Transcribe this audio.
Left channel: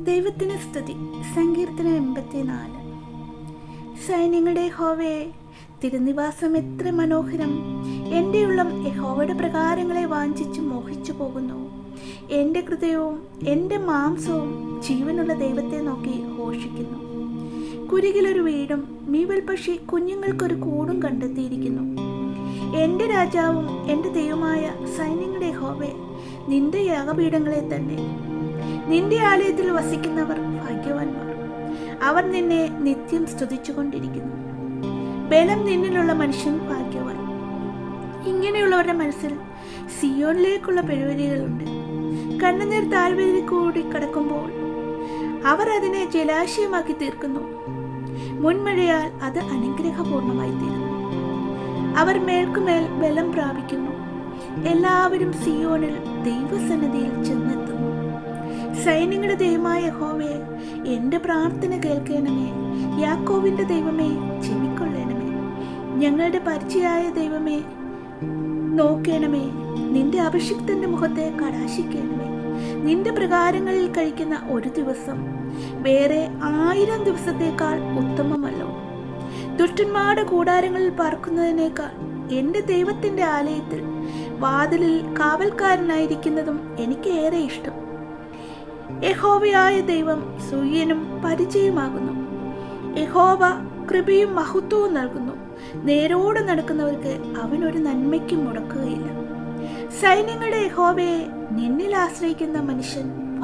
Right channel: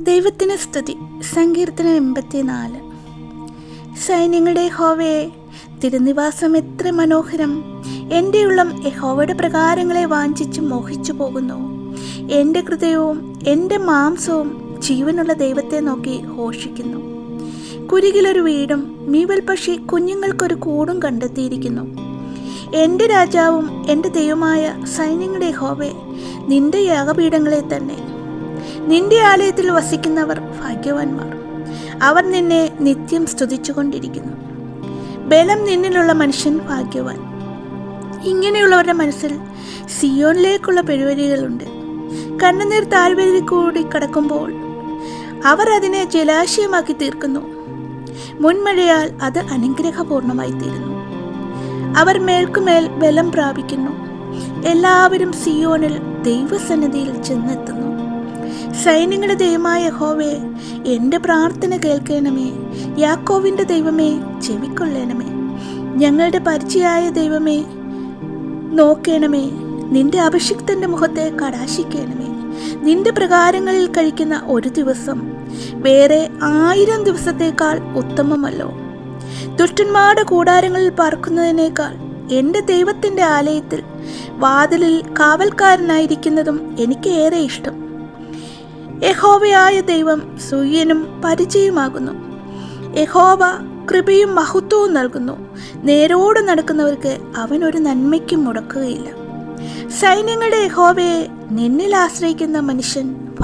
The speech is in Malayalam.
ദൈവത്തിന് സ്തുതി. സങ്കീർത്തനം എൺപത്തിനാല്. സൈന്യങ്ങളുടെ ഹോവയെ തിരുനിവാസം എത്ര മനോഹരം. എന്റെ ഉള്ളം യഹോവയുടെ പ്രകാരങ്ങളെ വാഞ്ചിച്ച് മോഹിച്ചു പോകുന്നു. എന്റെ ഹൃദയവും എന്റെ മാംസവും ജീവനുള്ള ദൈവത്തെ നോക്കി ഘോഷിക്കുന്നു. കുരുകിലൊരു വീടും മീവൽ പക്ഷി കുഞ്ഞുങ്ങൾക്കൊരു കൂടും കണ്ടെത്തിയിരിക്കുന്നു. എന്റെ രാജാവും എന്റെ ദൈവമായ സൈന്യങ്ങളുടെ ഹോവെ നിന്റെ യാഗപീഠങ്ങളെ തന്നെ നിന്റെ ആലയത്തിൽ വസിക്കുന്നവർ ഭാഗ്യവാന്മാർ. അവർ നിന്നെ നിത്യം സ്തുതിച്ചുകൊണ്ടിരിക്കുന്നു. ബലം നിന്നിലുള്ള മനുഷ്യൻ ഭാഗ്യവാൻ. ഇങ്ങനെയുള്ളവരുടെ മനസ്സിൽ സിയോണിലേക്കുള്ള പെരുവരികളുണ്ട്. കണ്ണുനീർ താഴ്വരയിൽ കൂടി കടക്കുമ്പോൾ അവർ അതിനെ ജലാശയമാക്കി തീർക്കുന്നു. മുൻമഴയാൽ അത് അനുഗ്രഹപൂർണമായി തീരുന്നു അവർ മേൽക്കുമേൽ ബലം പ്രാപിക്കുന്നു. എല്ലാവരും സിയോണിൽ ദൈവസന്നിധിയിൽ ചെന്നെത്തുന്നു. സൈന്യങ്ങളുടെ ദൈവമായ ഹോവേ എന്റെ പ്രാർത്ഥന കേൾക്കണമേ. യാക്കോവിന്റെ ദൈവമേ ചെവിക്കൊള്ളണമേ. ഞങ്ങളുടെ പരിചയായ ദൈവമേ നോക്കണമേ. നിന്റെ അഭിഷിക്തന്റെ മുഖത്തെ കടാശിക്കണമേ. നിന്റെ പ്രകാരങ്ങളിൽ കഴിക്കുന്ന ഒരു ദിവസം വേറെ ആയിരം ദിവസത്തേക്കാൾ ഉത്തമമല്ലോ. ദുഷ്ടന്മാരുടെ കൂടാരങ്ങളിൽ പാർക്കുന്നതിനേക്കാൾ എന്റെ ദൈവത്തിന്റെ ആലയത്തിൽ വാതിലിൽ കാവൽക്കാരനായിരിക്കുന്നതും എനിക്ക് ഏറെ ഇഷ്ടം. യഹോവയായ ദൈവം സുയ്യനും പരിചയമാകുന്നു. യഹോവ കൃപയും മഹത്വവും നൽകുന്നു. നേരോട് നടക്കുന്നവർക്ക് അവൻ ഒരു നന്മയ്ക്കും മുടക്കുകയില്ല. സൈന്യങ്ങളുടെ യഹോവയെ നിന്നിൽ ആശ്രയിക്കുന്ന മനുഷ്യൻ